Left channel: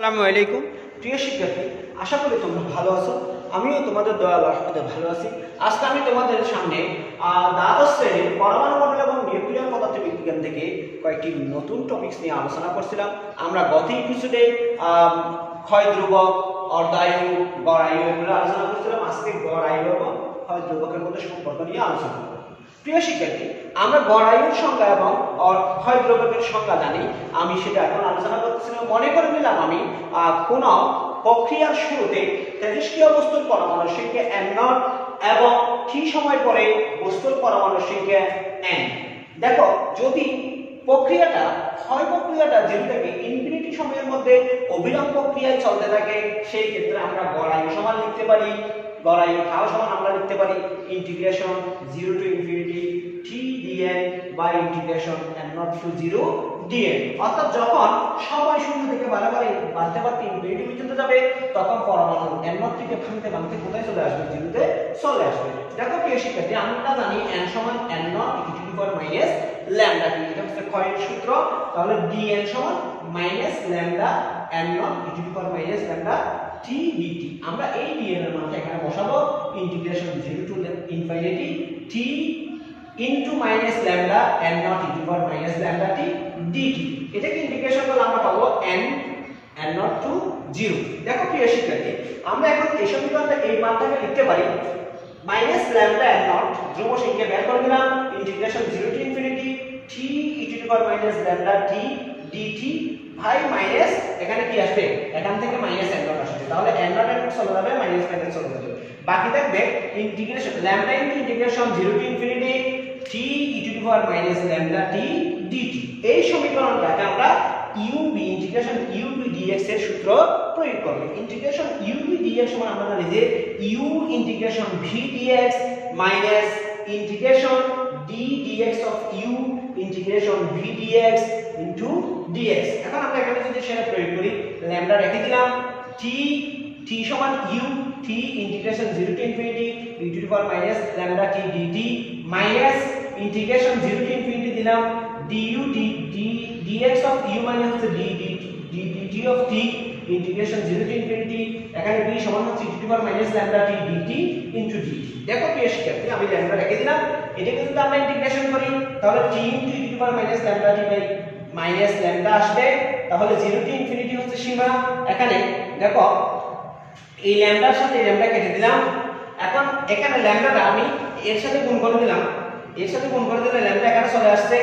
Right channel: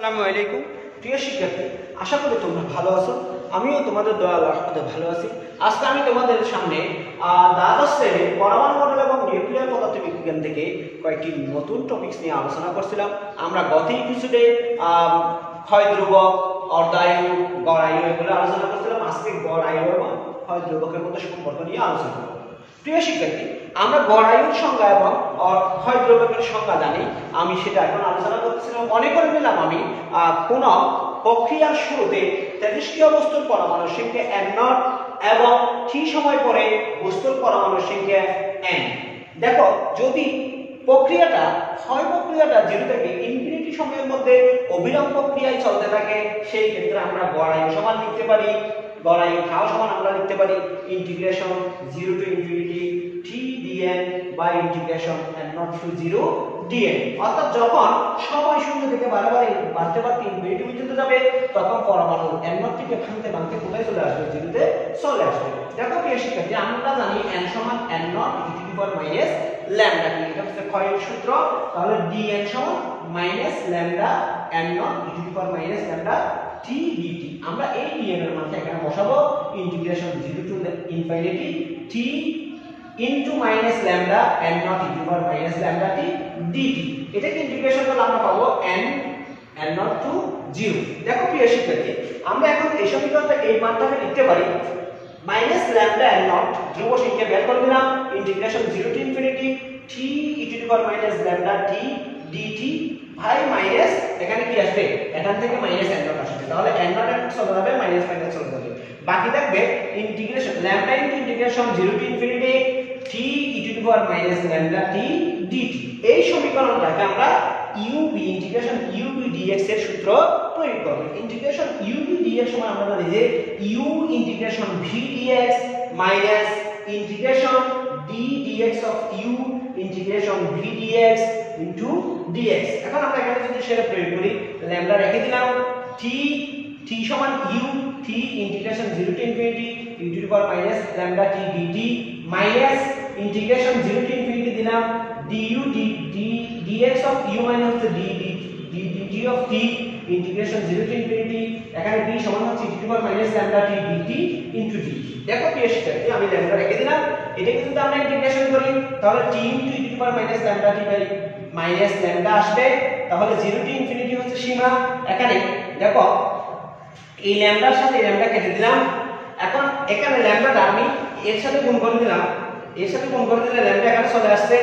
আসসালামু আলাইকুম প্রিয় শিক্ষার্থী, আশা করি তোমরা ভালো আছো। আমিও তোমাদের দয়াল রহমতে ভালো আছি। আজকে আমি তোমাদের সামনে দ্বাদশ শ্রেণীর পরমাণু মডেল এবং নিউক্লিয়ার পদার্থবিজ্ঞান থেকে কয়েকটি নতুন টপিকস নিয়ে আলোচনা করছিলাম। আমরা গত এপিসোডে ক্ষয় ধ্রুবক, অর্ধায়ু, গড় আয়ু এগুলো আলোচনা করছিলাম। আজকে গড় আয়ু এবং ক্ষয় ধ্রুবকের মধ্যে সম্পর্ক নিয়ে আলোচনা করব। প্রিয় শিক্ষার্থী, আমরা গড় আয়ুর সংজ্ঞা এবং ক্ষয় ধ্রুবকের সংজ্ঞা জানি, আমি সেটা এখন আলোচনা করতেছিলাম। মনে করে নিলাম আমি কোন প্রক্রিয়ার শুরুতে তেজস্ক্রিয় বস্তুর পরমাণুর সংখ্যা n0 এবং t সময় পরে বস্তুর পরমাণুর সংখ্যা n। দেখো, যদি প্রক্রিয়াটা জিরো থেকে ইনফিনিটি সময়ের মধ্যে অবিরাম প্রক্রিয়ায় চলতে থাকে, সেই ক্ষেত্রে আমরা গড় আয়ু সমান লিখতে পারি, গড় আয়ু ঠাও সমান আমরা লিখতে পারি integration 0 to infinity t dn by integration n0 to 0 dn। অর্থাৎ যখন সময় শূন্য থেকে বারবার বাড়তে বাড়তে ইনফিনিটি পর্যন্ত যাবে, তখন পরমাণু n0 থেকে ভাঙতে কোথায় চলে আসবে? 0 তে চলে আসবে। দেখো প্রিয় শিক্ষার্থী, আমরা জানি n সমান n0 e to the power minus lambda T, এটা হচ্ছে ক্ষয়ের সূত্র। তাহলে dn সমান minus lambda n0 e to the power minus lambda t dt। আমরা এই dn এর মানটা এখানে বসাবো integration 0 to infinity t into minus lambda n0 e to the power minus lambda t dt। এটাকে ইন্টিগ্রেশন করলে আমরা পাবো n0 টু 0। দেখো প্রিয় শিক্ষার্থী, আমরা এখন এই সমীকরণটা এই মানটাকে লিখতে পারি মাইনাস ল্যামডা n0 ধ্রুব সংখ্যা বের করে দিলাম integration 0 to infinity t e to the power minus lambda t dt ভাই মাইনাস এখানে কি আসবে? এখান থেকে মাইনাস n0 আসবে। তাহলে n0 চলে যাবে, মাইনাস চলে যাবে, বাকি থাকবে integration lambda into integration 0 to infinity t e to the power minus lambda t dt। এই সমীকরণটাকে আমরা UB ইন্টিগ্রেশন UB dx এর সূত্র প্রয়োগ করব। ইন্টিগ্রেশন UB dx সমান আমরা জানি যে u integration v dx minus integration d dx of u integration v dx into dx। এখন আমরা এখানে যদি সেটা প্রয়োগ করি, ল্যামডা রেখে দিলাম, t সমান u t integration 0 to infinity e to the power minus lambda t dt minus integration 0 to infinity দিলাম du dx অফ u মানে হচ্ছে dt of t integration 0 to infinity, এখানে d সমান হচ্ছে e to the power minus lambda t dt into dt। দেখো প্রিয় শিক্ষার্থী, আমি ল্যামডা রেখে দিলাম, এটাকে যদি আমরা ইন্টিগ্রেশন করি তাহলে t into e to the power minus lambda t by minus lambda আসবে। তাহলে 0 টু ইনফিনিটি হচ্ছে সীমা। এখানে দেখো এই ল্যামডার সাথে ল্যামডা কেটে দিলাম। এখন এখানে ল্যামডাটা আমি এর সাথে গুণ করে দিলাম, এর সাথে গুণ করে দিলে ল্যামডা এখানে চলে আসছে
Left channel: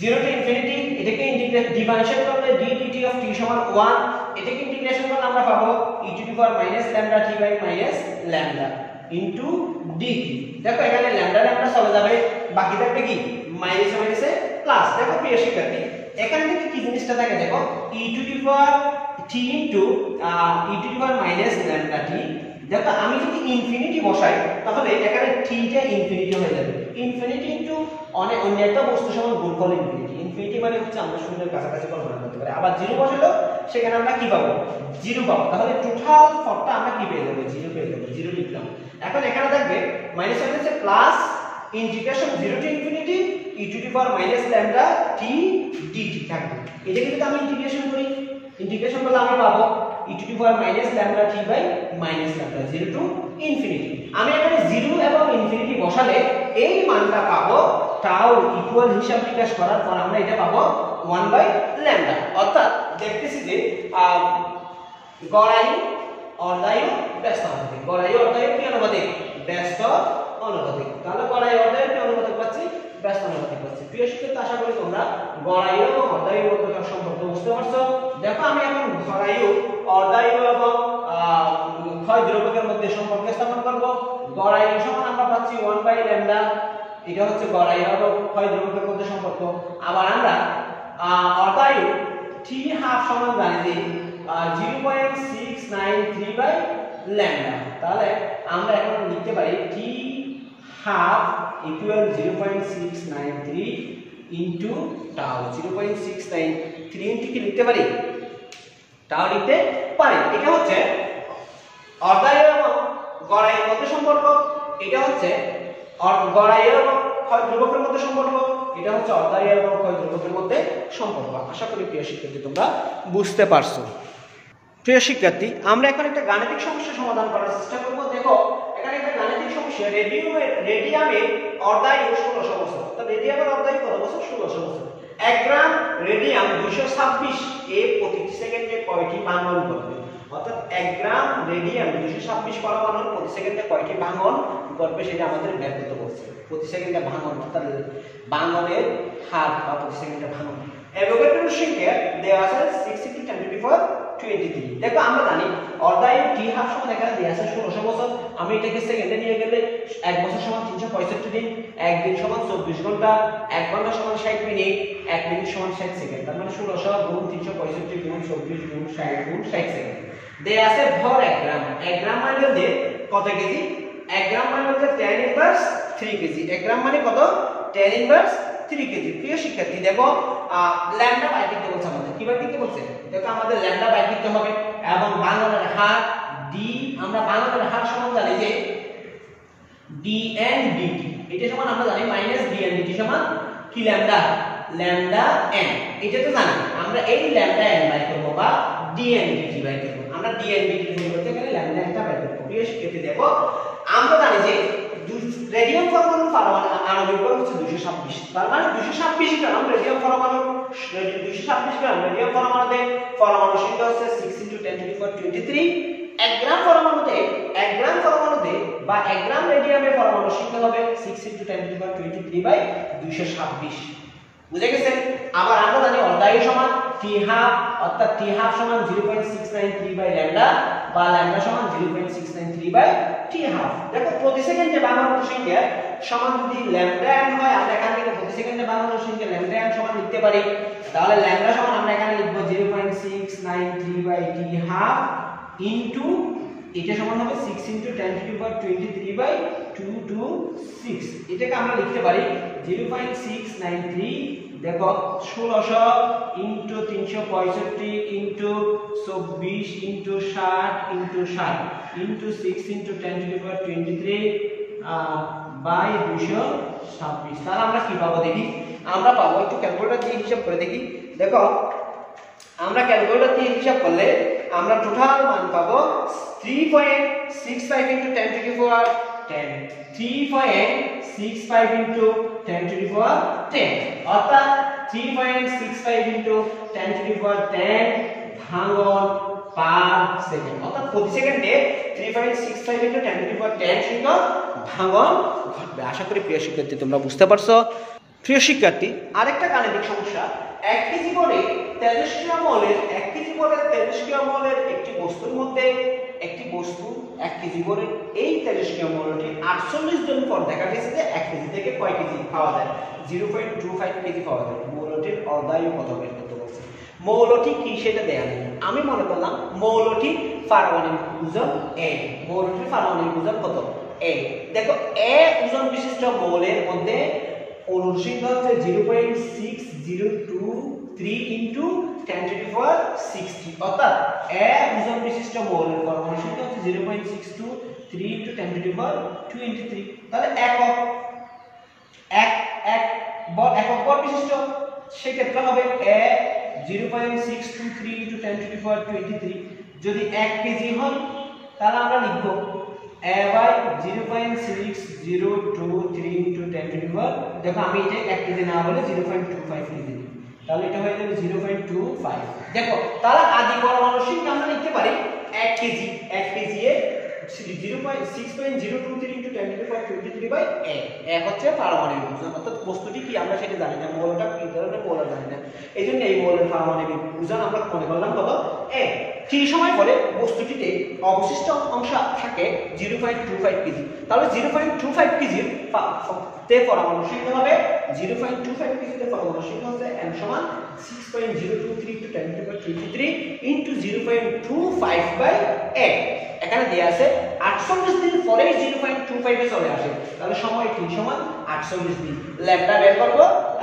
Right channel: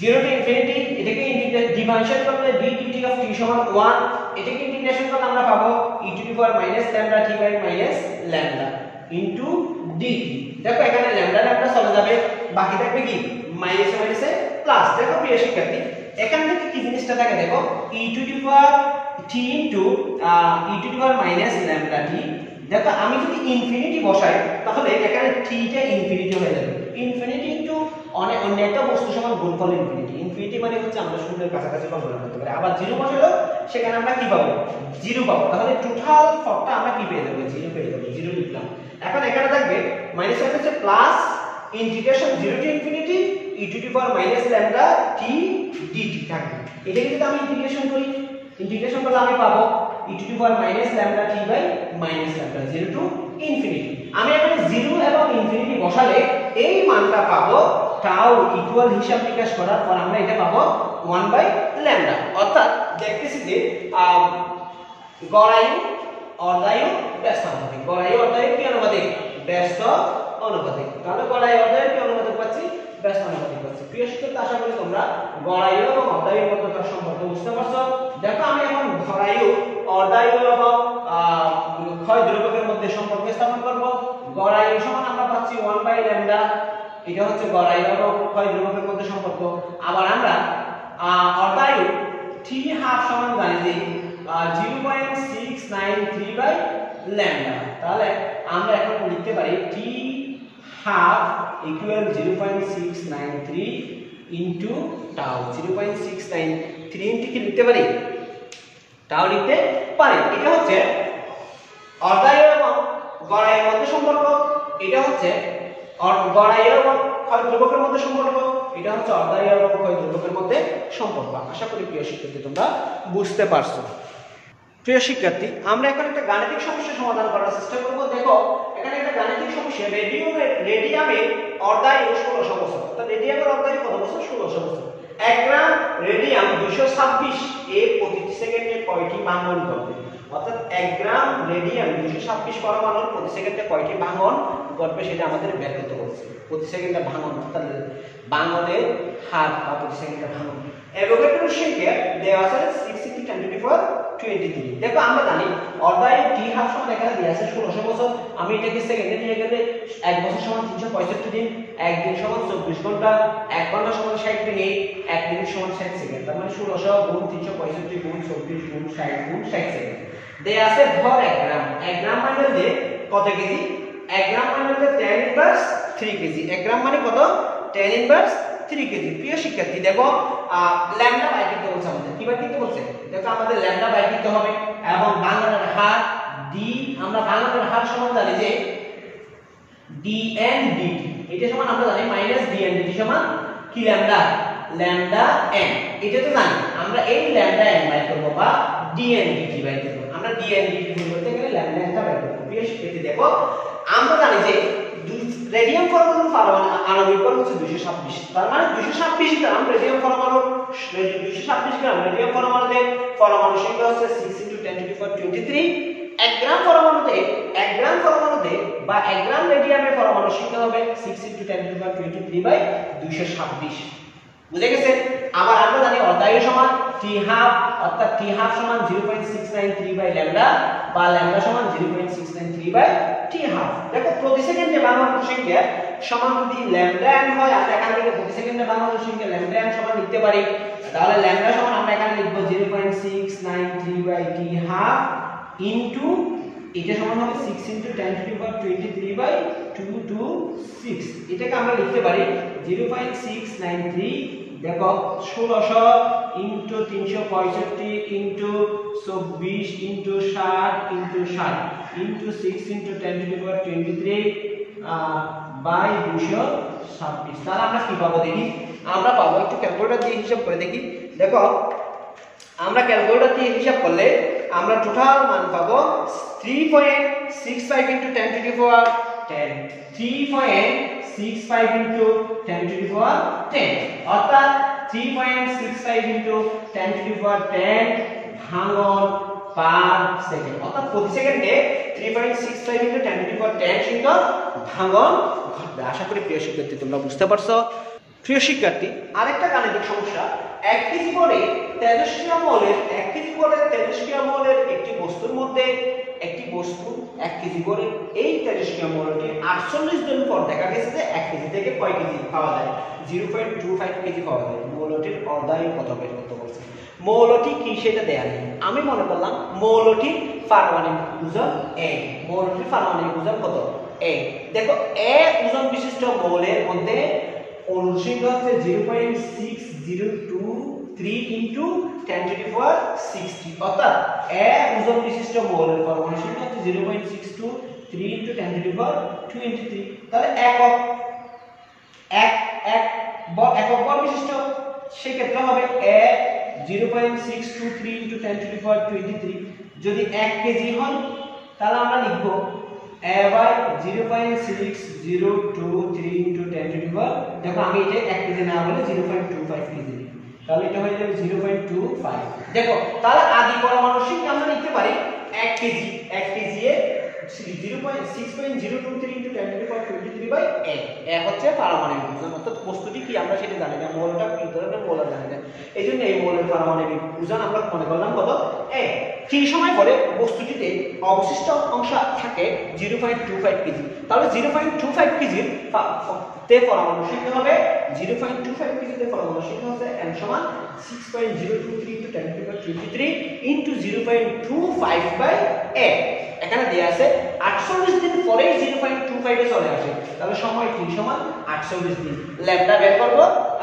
0 টু ইনফিনিটি। এটাকে ইন্টিগ্রেট ডিভাইশন করলে d dt অফ t সমান 1, এটাকে ইন্টিগ্রেশন করলে আমরা পাবো e to the power minus lambda t by minus lambda into dt। দেখো এখানে ল্যামডা চলে যাবে, বাকি থাকবে কি? মাইনাস মাইনাসে প্লাস। দেখো প্রিয় শিক্ষার্থী, এখান থেকে কি জিনিসটা থাকে? দেখো e to the power t into e to the power minus lambda t। দেখো আমি যদি ইনফিনিটি বসাই তাহলে এখানে t টা ইনফিনিটি হয়ে যাবে। ইনফিনিটি ইনটু অন্য একটা বস্তু সমান গুণফল ইনফিনিটি। ইনফিনিটি মানে হচ্ছে আমরা শূন্যের কাছাকাছি কল্পনা করতে পারি। আবার 0 বসালো, সেখানে আমরা কি পাবো? 0 পাবো। তাহলে টোটাল ফর্মটা আমরা কি পেয়ে যাবো? 0 পেয়ে যাবো। 0 লিখলাম। এখন এখানে থাকবে মাইনাস হচ্ছে plus integration 0 to infinity e to the power minus lambda t dt থাকবে। এটাকে যদি আমি ইন্টিগ্রেশন করি, ইন্টিগ্রেশন করলে আমি পাবো e to the power minus lambda t by minus lambda 0 to infinity. আমি এখানে 0 এবং ইনফিনিটি বসালে এই মানটা পাবো টাউ ইকুয়াল হিসাব নিকাশ করার পর আমরা এটা পাবো 1 বাই ল্যামডা। অর্থাৎ দেখতেছি যে গড় আয়ু, অর্ধায়ু, ব্যস্ত অনুপাতিক। গড় আয়ু অর্ধায়ু কি অনুপাতিক? ব্যস্ত অনুপাতিক। তাহলে গড় আয়ু অর্ধায়ু কি অনুপাতিক পাচ্ছি? ব্যস্ত অনুপাতিক পাচ্ছি। প্রিয় শিক্ষার্থী, আশা করি তোমরা গড় আয়ু এবং অর্ধায়ুর মধ্যকার সম্পর্ক বুঝতে পারছো। দেখো আমি এখন গড় আয়ু, অর্ধায়ু এবং ক্ষয় ধ্রুবকের মধ্যে সম্পর্ক স্থাপন করব। গড় আয়ু সমান আমরা পাচ্ছি 1 বাই ল্যামডা, এটা হচ্ছে গড় আয়ু এবং ক্ষয় ধ্রুবকের মধ্যে সম্পর্ক। আবার আমরা অর্ধায়ু t হাফ সমান জানি যে 0.693 বাই ল্যামডা। তাহলে আমরা এখন লিখতে পারি t half equal 0.693 into tau. 0.693 into কি লিখতে পারি? টাউ লিখতে পারি। এটা হচ্ছে অর্ধায়ু এবং গড় আয়ুর মধ্যে সম্পর্ক, এটা হচ্ছে গড় আয়ু এবং ক্ষয় ধ্রুবকের মধ্যে সম্পর্ক, এটা হচ্ছে অর্ধায়ু এবং ক্ষয় ধ্রুবকের মধ্যে সম্পর্ক। আশা করি প্রিয় শিক্ষার্থী তোমরা বুঝতে পারছো। প্রিয় শিক্ষার্থী, আমরা এখন একটা গাণিতিক সমস্যা সমাধান করার চেষ্টা করব। দেখো এখানে একটা গাণিতিক সমস্যা, রেডিয়ামের অর্ধায়ু 1600 বছর। তো রেডিয়ামের অর্ধায়ু কত বছর? 1600 বছর। 1 গ্রাম রেডিয়াম 226 এ প্রতি সেকেন্ডে কয়টি ভাঙন ঘটবে? অর্থাৎ 1 গ্রাম রেডিয়াম 226 পরমাণুর প্রতি সেকেন্ডে কয়টি ভাঙন ঘটবে সেটা আমাদের বের করতে বলছে। প্রতি সেকেন্ডে ভাঙন অর্থাৎ ভাঙনের হার বা প্রতি সেকেন্ডে ভাঙন। অ্যাভোগাড্রোর সংখ্যা দেওয়া আছে 6 × 10⁻23। দেখো আমরা জানি অর্ধায়ু টি হাফ সমান এখানে দেওয়া আছে 1600 বছর। আমি এটাকে সেকেন্ডে নিয়ে গেলে 1 বছর সমান 365 দিন, 1 দিন সমান 24 ঘন্টা, 1 ঘন্টা সমান 60 মিনিট, 1 মিনিট সমান 60 সেকেন্ড। তার মানে 1600 গুণ 365 গুণ 24 গুণ 60 গুণ 60 সেকেন্ড। দেয়া আছে ভর 1 গ্রাম। 1 গ্রাম মানে যে কত কেজি? 1 গ্রাম মানে হচ্ছে 10⁻³ কেজি। 1 গ্রাম মানে কত? 10⁻³ কেজি। প্রিয় শিক্ষার্থী, দেখো ল্যামডা বাই করতে বলছে আমাদের। কি বাই করতে বলছে? দেখো আমাদের ল্যামডা বাই করতে হবে এবং ভাঙনের হার ডি, আমরা ভাঙনের হার সমান জানি যে dn dt। এটা সমান আমরা জানি -dn dt সমান কি? Lambda n। এটা তো জানি। আমরা এই ল্যামডা n বাই করব বা dn dt বাই করব। আমরা dn dt পরিবর্তে এখানে ল্যামডা n টা বাই করব। প্রিয় শিক্ষার্থী, দেখো আমরা জানি যে রেডিয়াম পরমাণুর আণবিক ভর হচ্ছে 226। তার মানে 226 গ্রাম রেডিয়াম পরমাণু, 226 গ্রাম রেডিয়াম পরমাণুতে পরমাণু সংখ্যা হচ্ছে 6 × 10⁻23। 1 গ্রাম পরমাণুতে বা 1 গ্রাম রেডিয়ামের পরমাণু সংখ্যা হবে 6 × 10⁻23/226। বুঝে গেছে? আবার আমরা জানি অর্ধায়ু সমান t হাফ, অর্থাৎ t হাফ সমান 0.693/λ বা λ সমান 0.693/t হাফ। দেখো প্রতি সেকেন্ডে ভাঙনের সংখ্যা সমান যদি ল্যামডা n হয়, আমরা এখান থেকে প্রতি সেকেন্ডে ভাঙনের সংখ্যা ল্যামডা n সমান লিখতে পারি। তাহলে ল্যামডা সমান আমরা এখানে লিখব 0.693/t হাফ ইনটু এটা সমান হবে 6 × 10⁻23/226। এটাকে আমরা লিখতে পারি 0.693, দেখো 1600 × 365 × 24 × 60 × 60 × 6 × 10⁻23/226। তাহলে আমরা কি পাবো দেখি? আমরা পাবো, একটু ক্যালকুলেটর দিয়ে হিসাব করে দেখি। দেখো আমরা ক্যালকুলেটর দিয়ে হিসাব করলে আমরা টোটাল মান পাবো 3.65 × 10⁻10, 3.65 × 10⁻10, অর্থাৎ 3.65 × 10⁻10 ভাঙন পার সেকেন্ড। অর্থাৎ প্রতি সেকেন্ডে 3.65 × 10⁻10 সংখ্যক ভাঙন ঘটবে। আশা করি প্রিয় শিক্ষার্থী তোমরা বুঝতে পারছো। প্রিয় শিক্ষার্থী, আরেকটা গাণিতিক সমস্যা। 1 কেজি বলে তেজস্ক্রিয় মৌলের 1 কেজি বলে তেজস্ক্রিয় মৌলের একটি বস্তুর মধ্যে একটি বস্তু 1 কেজি বলে এই তেজস্ক্রিয় মৌলটি 48 দিন পর দেখা গেছে যে 1 কেজি থেকে কয় কেজি পাওয়া যায়? 0.25 কেজি পাওয়া যায়। মৌলটির অর্ধায়ু কত বের করতে বলছে। মৌলটি কি সেটা দেয়া নেই। আমি মনে করলাম মৌলটি পারমাণবিক ওজন a। মৌলটির পারমাণবিক ওজন কত? a। দেখো a ওজন বিশিষ্ট মৌলের মধ্যে অণুর সংখ্যা হচ্ছে 0.6023 × 10⁻60। অর্থাৎ a ওজন বিশিষ্ট মৌলের পরমাণু সংখ্যা হচ্ছে 0.623 × 10⁻23। তাহলে একক বল বিশিষ্ট সেই ক্ষেত্রে হবে a 0.623 × 10⁻23। যদি 1 কেজি হয় তাহলে আমরা লিখব a by 0.6023 × 10⁻, দেখো আমি এটা 1 কেজি না বলে 0.25 কেজি লিখি, তাহলে এটা হয়ে যাবে 0.25। দেখো তাহলে আদি পরমাণুর সংখ্যা আমরা লিখতে পারি 1 কেজি এ 0.6.023 × 10⁻23/a। a হচ্ছে পারমাণবিক ওজন, অর্থাৎ বস্তুটি কি আমরা সেটা জানি না, মৌলটা কি ধরনের মৌল জানি না। এইজন্য এই মৌলের পারমাণবিক ওজন আমরা মনে করলাম কত? a। ঠিক সময় পরে বস্তুটিতে অবশিষ্ট অংশ থাকে 0.25 কেজি। তাহলে 0.25 কেজির তে পরমাণু সংখ্যা হবে 0.25 কেজিতে পরমাণু সংখ্যা হবে n সমান 6.023 × 10⁻23 × 0.25/a। এখানে দেয়া আছে 48 দিন পরে 0.25 এ চলে আসে। তাহলে সময় t সমান 48 দিন। ল্যামডা বের করব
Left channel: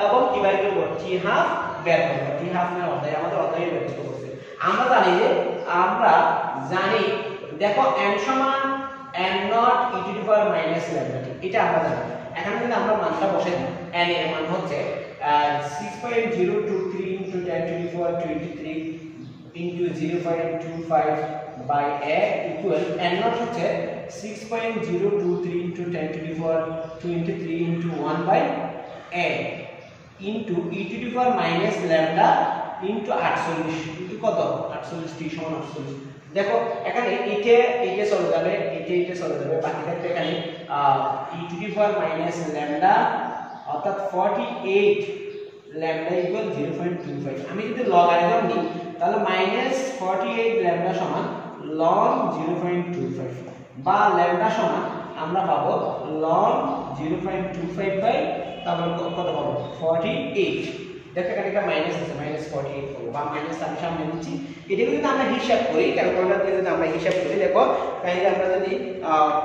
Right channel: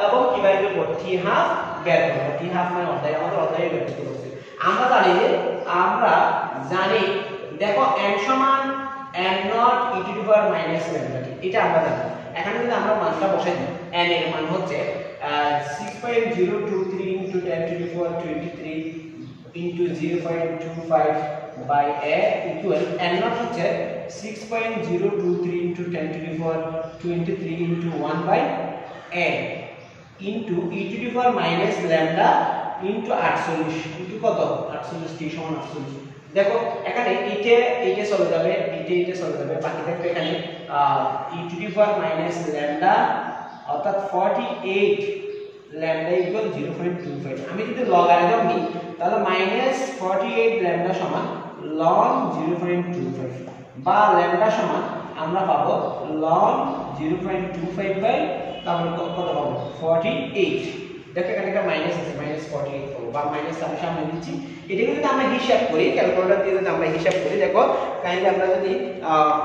এবং কি বের করব? t হাফ বের করব। t হাফ মানে অর্ধায়ু, আমাদের অর্ধায়ু বের করতে বলছে। আমরা জানি দেখো n সমান n0 e⁻ λt, এটা আমরা জানি। এখানে যদি আমরা মানটা বসাই দিই, n এর মান হচ্ছে 6.023 × 10⁻23 into 0.25 by a equal n naught হচ্ছে 6.023 into 10 to the power 23 into 1 by a into e to the power minus lambda into 48 into কত 48 t সমান 48 দেখো এখানে এইটা চলে যাবে এইটা চলে যাবে বাকি থাকবে এখানে e to the power minus lambda অর্থাৎ 48 lambda equal 0.25 আমি যদি লগারিদম নিই তাহলে -48 lambda সমান ln 0.25 বা lambda সমান আমরা পাবো ln 0.25 বাই তারপর কত পাবো 48 দেখো এখানে একটা মাইনাস আছে -48 পাবো বা মাইনাস আমি সামনে দিচ্ছি এটা যদি আমরা হিসাব করি ক্যালকুলেটর দিয়ে যদি আমরা হিসাব করি দেখো কাইন্ডলি আমরা যদি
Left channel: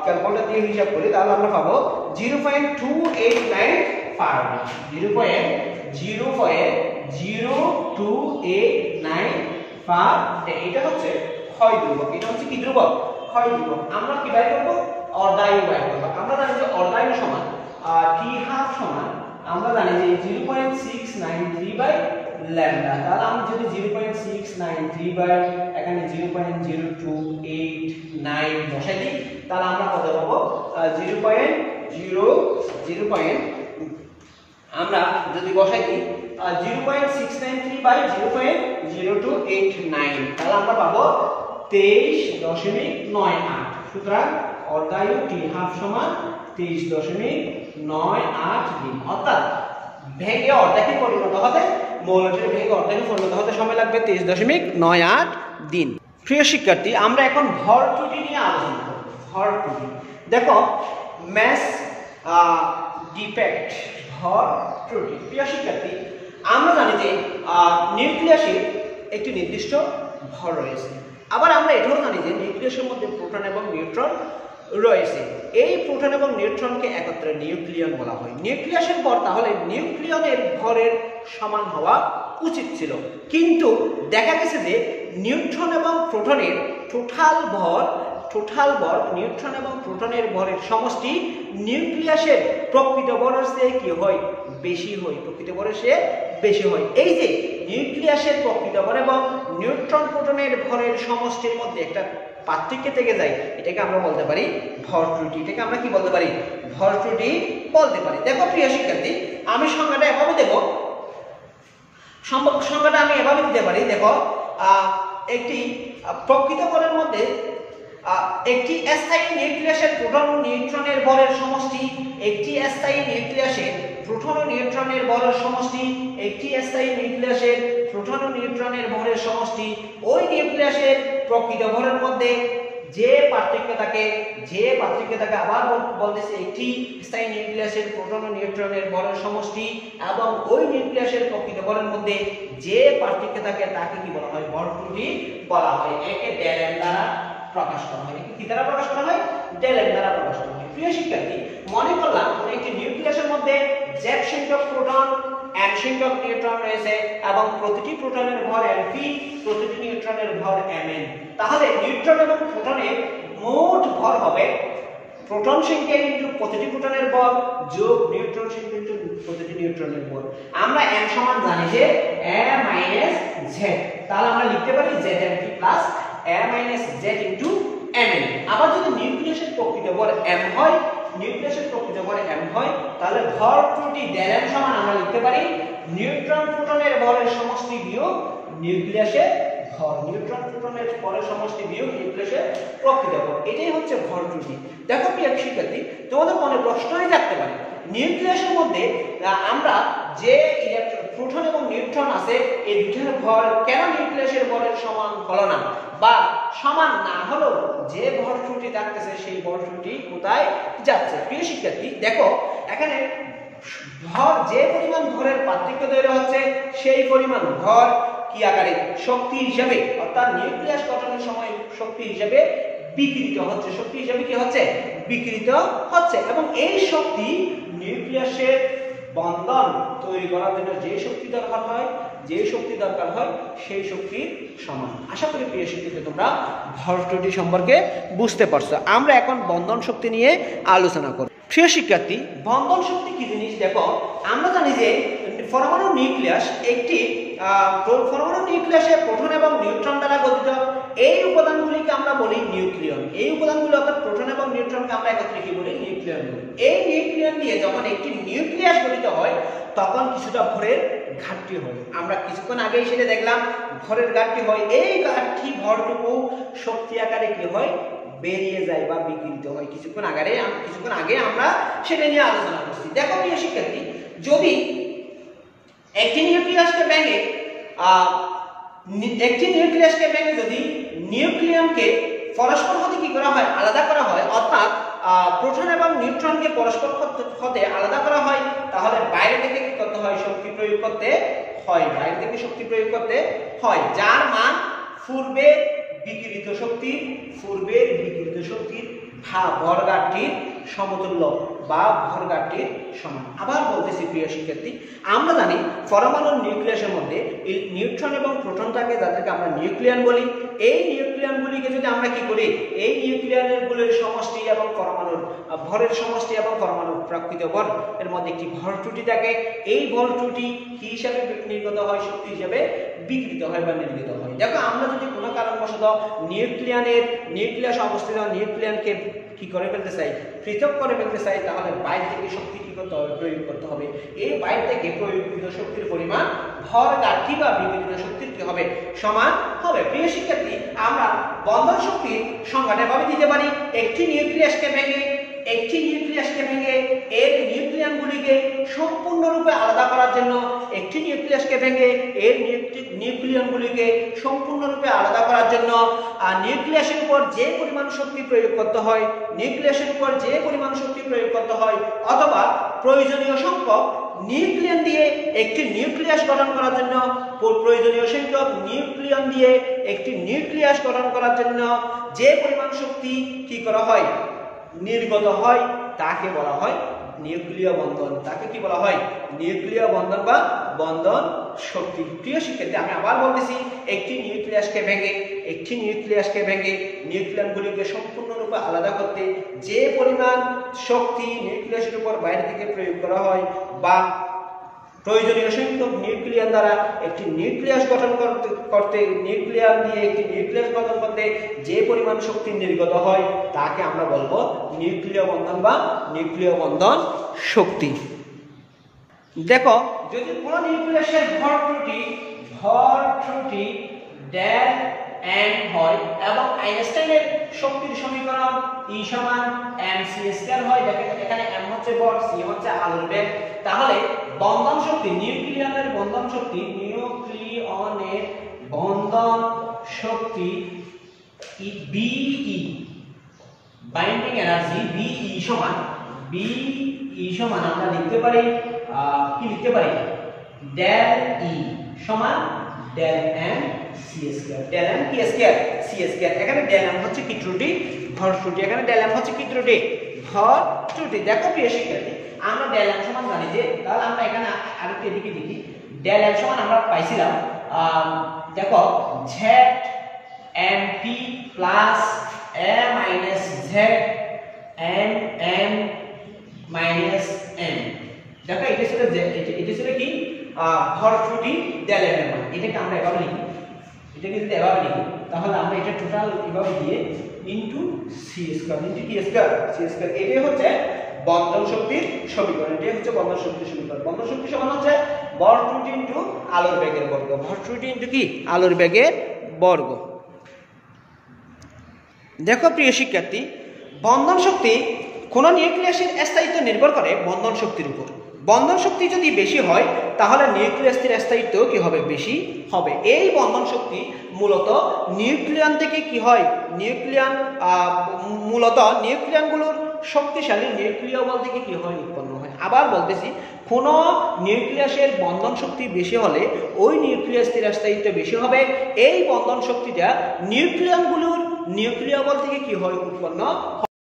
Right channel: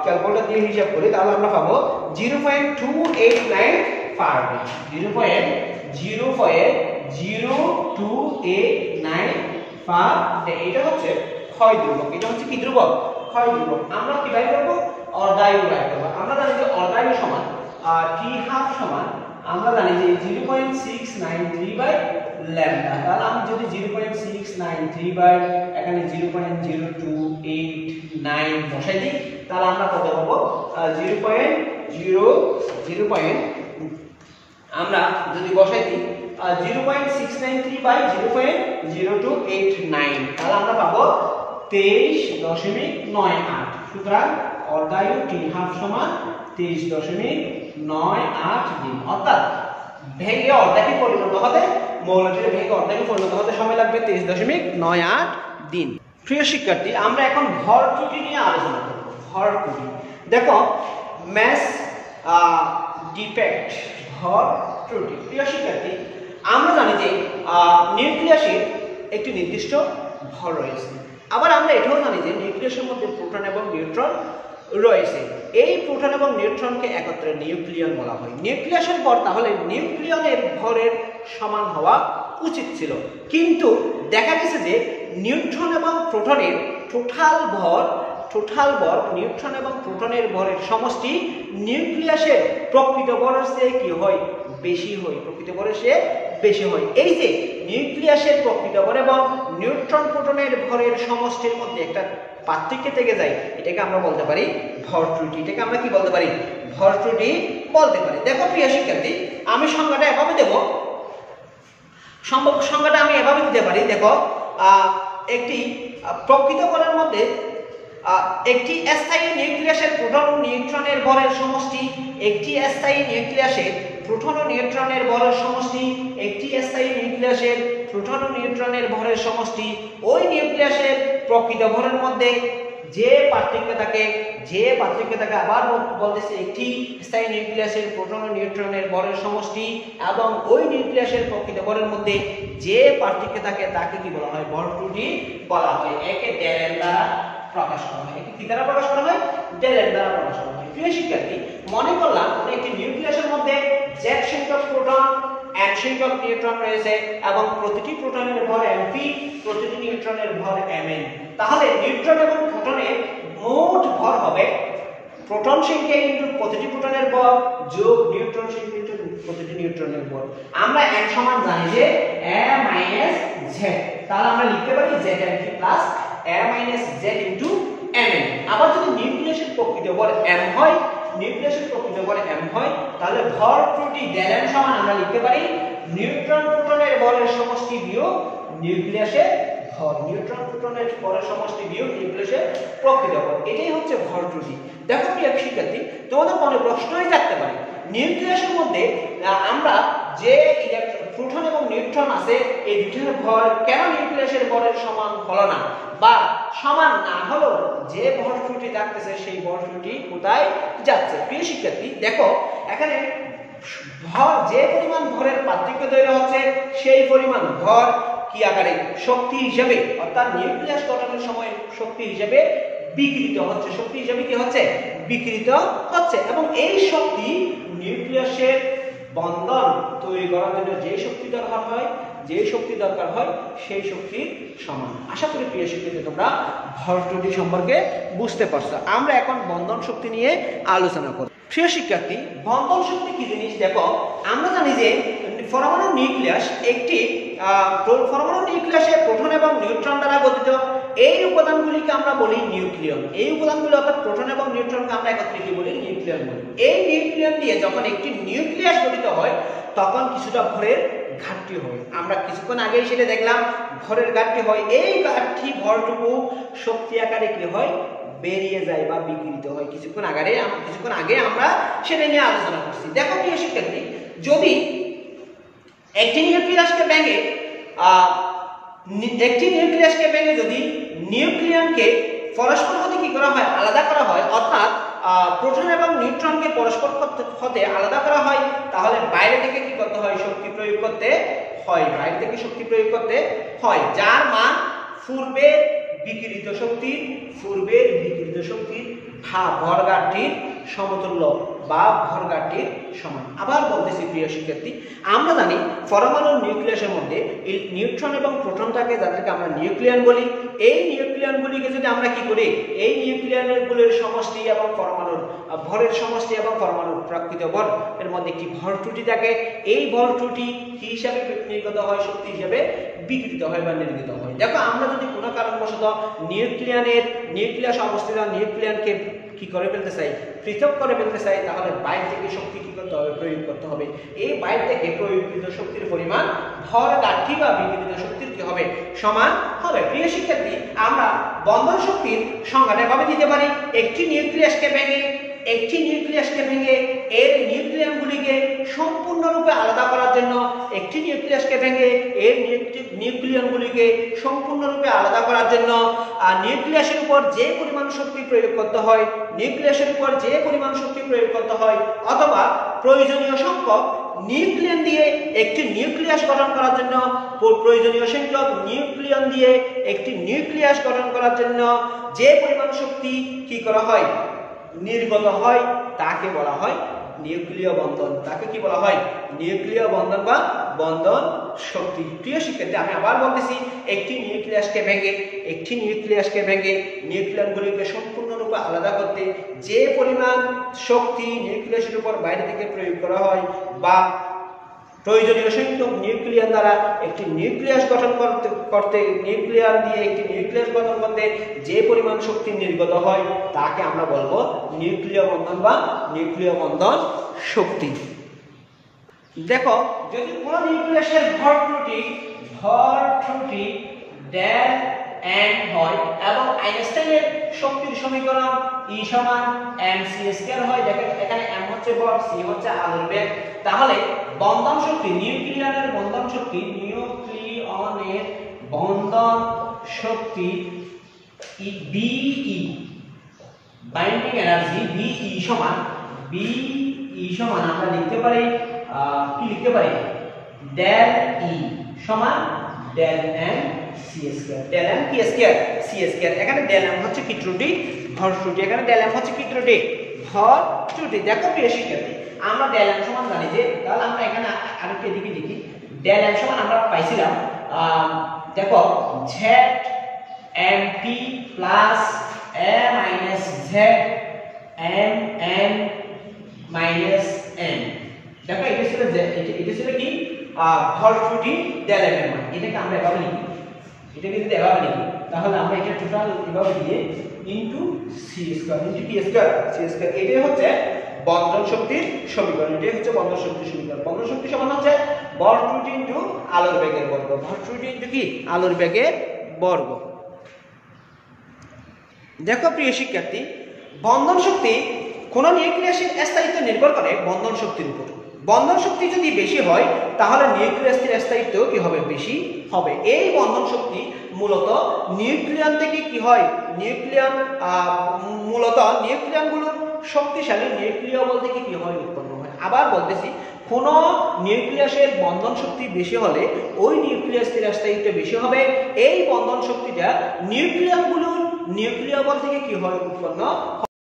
ক্যালকুলেটর দিয়ে হিসাব করি তাহলে আমরা পাবো 0.2895 এটা হচ্ছে ক্ষয় ধ্রুবক এটা হচ্ছে কি ধ্রুবক ক্ষয় ধ্রুবক আমরা কি বাই করব অর্ধায়ু বাই করব আমরা জানি যে অর্ধায়ু সমান t হাফ সমান আমরা জানি যে 0.693 বাই ল্যাম্ডা তাহলে আমি যদি 0.693 বাই এখানে 0.0289 বসাই দিই তাহলে আমরা কত পাবো 0.0 আমরা যদি বসাই দিই 0.693 বাই 0.0289 তাহলে আমরা পাবো 23.98 সুতরাং অর্ধায়ু t হাফ সমান 23.98 দিন অর্থাৎ ভেঙে অর্ধেকে পরিণত হতে মৌলটির ভেঙে অর্ধেকে পরিণত হতে সময় লাগবে 23.98 দিন প্রিয় শিক্ষার্থী আমরা এখন ভর ত্রুটি নিয়ে আলোচনা করব ভর ত্রুটি দেখো ম্যাস ডিফেক্ট ভর ত্রুটি প্রিয় শিক্ষার্থী আমরা জানি যে নিউক্লিয়াসের একটি নির্দিষ্ট ভর রয়েছে আবার আমরা এটাও জানি যে নিউক্লিয়াসের মধ্যে প্রোটন এবং নিউট্রন রয়েছে এই প্রোটন এবং নিউট্রনকে একত্রে নিউক্লিয়ন বলা হয় নিউক্লিয়াসের ভর তাহলে নিউক্লিয়নের ভরের সমান হওয়া উচিত ছিল কিন্তু দেখা গেছে যে নিউট্রন এবং প্রোটনের টোটাল ভর নিউট্রন এবং প্রোটনের ভরের সমষ্টি নিউক্লিয়াসের প্রকৃত ভরের চেয়ে কি হয় বেশি হয় প্রকৃত ভরের চেয়ে বেশি হয় এই যে নিউক্লিয়াসের প্রকৃত ভর এবং নিউট্রন প্রোটনের ভরের সমষ্টির মধ্যে একটা পার্থক্য থেকে যায় এটাকে আমরা বলতে পারি ভর ত্রুটি এটাকে আমরা কি বলতে পারি ভর ত্রুটি বলতে পারি দেখো প্রিয় শিক্ষার্থী আমি সংজ্ঞাটা এভাবে দেব সংজ্ঞাটা আমি এভাবে দিতে পারি দেখো একটি প্রকৃত ভরের মধ্যে একটি স্থায়ী নিউক্লিয়াসের প্রোটন ও নিউট্রনের ভরের সমষ্টি একটি স্থায়ী নিউক্লিয়াসের প্রোটন ও নিউট্রনের ভরের সমষ্টি একটি স্থায়ী নিউক্লিয়াসের প্রোটন ও নিউট্রনের ভরের সমষ্টি ওই নিউক্লিয়াসের প্রকৃত ভরের মধ্যে যে পার্থক্য থাকে আবার বলতেছে একটি স্থায়ী নিউক্লিয়াসের প্রোটন ও নিউট্রনের ভরের সমষ্টি এবং ওই নিউক্লিয়াসের প্রকৃত ভরের মধ্যে যে পার্থক্য থাকে তাকে কি বলা হয় ভর ত্রুটি বলা হয় একে ডেলেন দ্বারা প্রকাশ করা হয় কি দ্বারা প্রকাশ করা হয় ডেলেন দ্বারা প্রকাশ করা হয় প্রিয় শিক্ষার্থী মনে করলাম একটি নিউক্লিয়াসের মধ্যে z সংখ্যক প্রোটন n সংখ্যক নিউট্রন রয়েছে এবং প্রতিটি প্রোটনের ভর mp প্রতিটি নিউট্রনের ভর mn তাহলে নিউট্রন এবং প্রোটনের মোট ভর হবে প্রোটন সংখ্যা ইনটু প্রতিটি প্রোটনের ভর যোগ নিউট্রন সংখ্যা ইনটু প্রতিটি নিউট্রনের ভর আমরা n সমান জানি যে a - z তাহলে আমরা লিখতে পারি zmp plus a - z into mn আবার যদি নিউক্লিয়াসের প্রকৃত ভর m হয় তাহলে ভর ত্রুটি ডেলেন সমান আমরা লিখতে পারি নিউট্রন প্রোটনের ভরের সমষ্টি বিয়োগ নিউক্লিয়াসের ভর নিউট্রন প্রোটনের ভরের সমষ্টি বিয়োগ নিউক্লিয়াসের প্রকৃত ভর এটাই হচ্ছে ভর ত্রুটি দেখো প্রিয় শিক্ষার্থী তোমাদের মনে প্রশ্নই থাকতে পারে নিউক্লিয়াসের মধ্যে আমরা যে প্রোটন এবং নিউট্রন আছে এই দুইটার ভর কেন নিউক্লিয়াসের ভরের সমান হলো না বা সমান না হলো যে ভর ত্রুটি থাকতেছে সেই ভর ত্রুটি কোথায় যাচ্ছে প্রিয় শিক্ষার্থী দেখো এখানে ভর যে পরিমাণ ভরের পার্থক্য তৈরি হচ্ছে সেই পরিমাণ ভর কি আকারে শক্তি হিসেবে অর্থাৎ নিউক্লিয়াস গঠনের সময় শক্তি হিসেবে বিকৃত হচ্ছে এবং এই শক্তি নিউক্লিয়াসের বন্ধন তৈরি করার জন্য যে শক্তি দরকার হয় সেই শক্তির সমান আশা করি প্রিয় শিক্ষার্থী তোমরা ভর ত্রুটি সম্পর্কে বুঝতে পারছো আমরা এখন বন্ধন শক্তি নিয়ে আলোচনা করব প্রিয় শিক্ষার্থী বন্ধন শক্তি কি জিনিস দেখো আমরা জানি যে পরমাণু নিউক্লিয়াস একটি পরমাণু নিউক্লিয়াসে প্রোটন এবং নিউট্রন দ্বারা গঠিত। এই উপাদানগুলিকে আমরা বলি নিউক্লিয়ন। এই উপাদানগুলি অর্থাৎ প্রোটন এবং নিউট্রনকে আমরা একত্রে কি বলি? নিউক্লিয়ন বলি। এই নিউক্লিয়ন দিয়ে যখন একটি নিউক্লিয়াস গঠিত হয় তখন কিছুটা ভরের ঘাটতি হয়। আমরা কিছুক্ষণ আগেই সেটা দেখলাম, ভরের ঘাটতি হয়। এই ঘাটতি ভরটুকু শক্তি আকারে কি হয়? বেরিয়ে যায় বা বিকৃত হয়। কিছুক্ষণ আগে আমরা সেটা নিয়ে আলোচনা করছি। দেখো প্রিয় শিক্ষার্থী, যদি একটি নিউক্লিয়াসকে ভেঙে যদি নিউক্লিয়নকে পরস্পর হতে কি করা হয়? আলাদা করা হয়, অর্থাৎ প্রোটন এবং নিউট্রনকে পরস্পর হতে আলাদা করা হয়, তাহলে বাইরে থেকে কি করতে হয়? শক্তি প্রয়োগ করতে হয়। বাইরে থেকে শক্তি প্রয়োগ করতে হয়, যার মান পূর্বের বিকিরিত শক্তির ভরঘাটতির সমতুল্য বা ভরঘাটতির সমান। আবার বলতেছি প্রিয় শিক্ষার্থী, আমরা জানি পরমাণুর নিউক্লিয়াসের মধ্যে এই নিউট্রন এবং প্রোটন থাকে, যাদেরকে আমরা নিউক্লিয়ন বলি। এই নিউক্লিয়নগুলিকে যদি আমরা কি করি? এই নিউক্লিয়নগুলির সমষ্টি এবং পরমাণুর ভরের সমষ্টি এবং পরমাণুর প্রকৃত ভর এর মধ্যে একটি ভর ত্রুটি থাকে। এই ভর ত্রুটি কি হিসাবে নির্গত হয়? শক্তি হিসাবে বিকৃত হয় বা নির্গত হয়। দেখো, আমরা যদি কোনো কারণবশত নিউক্লিয়াস অবস্থিত নিউক্লিয়নকে কি করে ফেলতে চাই? পৃথক করে ফেলতে চাই, তাহলে বাইরে থেকে শক্তি কি করতে হবে? প্রয়োগ করতে হবে। এই বাইরে থেকে প্রয়োগকৃত শক্তির পরিমাণ ভর ঘাটতি বা বিকিরিত শক্তির কি হবে? সমান হবে। প্রিয় শিক্ষার্থী, আমরা বন্ধন শক্তির সংজ্ঞাটা ভাবে দিতে পারি। একটি নিউক্লিয়াসকে ভেঙে এর নিউক্লিয়নগুলিকে সম্পূর্ণরূপে আলাদা করার জন্য নিউক্লিয়াসের উপর যে পরিমাণ শক্তি প্রয়োগ করতে হয়, অথবা প্রয়োজনীয় সংখ্যক নিউক্লিয়ন দিয়ে একটি নিউক্লিয়াস গঠন করার জন্য যে পরিমাণ শক্তি কি করা হয়? নির্গত হয়, তাকে বলা হয় নিউক্লিয় বন্ধন। তাকে কি বলা হয়? নিউক্লিয় বন্ধন বা বন্ধন শক্তি। প্রিয় শিক্ষার্থী, আমি আবার বলতেছি, একটি নিউক্লিয়াসকে ভেঙে নিউক্লিয়নগুলিকে সম্পূর্ণরূপে আলাদা করতে যে পরিমাণ শক্তি নিউক্লিয়াসের উপর বাইরে থেকে প্রয়োগ করা হয়, বা প্রয়োজনীয় সংখ্যক নিউক্লিয়ন দ্বারা একটি নিউক্লিয়াস গঠন করতে যে পরিমাণ শক্তি নির্গত হয়, তাকে আমরা বলবো নিউক্লিয় বন্ধন বা নিউক্লিয় বন্ধন শক্তি। দেখো, যদি কোন নিউক্লিয়াসের ভর ত্রুটি ডেল এম হয় এবং আইনস্টাইনের শক্তির সমীকরণ E সমান mc² হয়, দেখেন এখানে m হচ্ছে ভর, c হচ্ছে আলোর বেগ, তাহলে বন্ধন শক্তি, নিউক্লিয়নের বন্ধন শক্তি BE, বাইন্ডিং এনার্জি BE সমান আমরা লিখতে পারি ডেল E সমান del m c², del m কি স্কয়ার c²। এখানে ডেল m হচ্ছে কি ত্রুটি? ভর ত্রুটি। এখানে ডেল m হচ্ছে কি ত্রুটি? ভর ত্রুটি। দেখো প্রিয় শিক্ষার্থী, আমরা ডেল m সমান জানি যে, তাহলে আমরা এখানে আরেকটু এদিকে লিখি। ডেল m সমান আমরা পাইছিলাম, দেখো z mp plus a minus z m minus n। দেখো, এটা ছিল কি? ভর ত্রুটি ডেল m এর মান। এটাকে আমরা এভাবে লিখি, তাহলে আমরা এটা টোটাল এভাবে দিয়ে ইনটু c², এটাই হচ্ছে বন্ধন শক্তির সমীকরণ। বন্ধন শক্তি সমান হচ্ছে ভর ত্রুটি ইনটু আলোর বেগের বর্গ। আলোর বেগের বর্গ। দেখো প্রিয় শিক্ষার্থী, বন্ধন শক্তি কোন নিউক্লিয়াসের স্থায়িত্ব নির্ভর করে বন্ধন শক্তির উপর। বন্ধন শক্তি যদি বেশি হয়, তাহলে নিউক্লিয়াসের স্থায়িত্ব কি হবে? বেশি হবে। এই বন্ধন শক্তি মূলত নিউক্লিয়ন থেকে কি হয়? নিউক্লিয়নগুলোর শক্তিশালী নিউক্লিয় বল থেকে কি হয়? উৎপন্ন হয়। আবার বলতেছি, কোন নিউক্লিয়াসের বন্ধন শক্তি বেশি হলে ওই নিউক্লিয়াসের স্থায়িত্ব বেশি হবে। এই বন্ধন শক্তিটা নিউক্লিয়নগুলোর নিউক্লিয় বল থেকে কি হয়? উৎপন্ন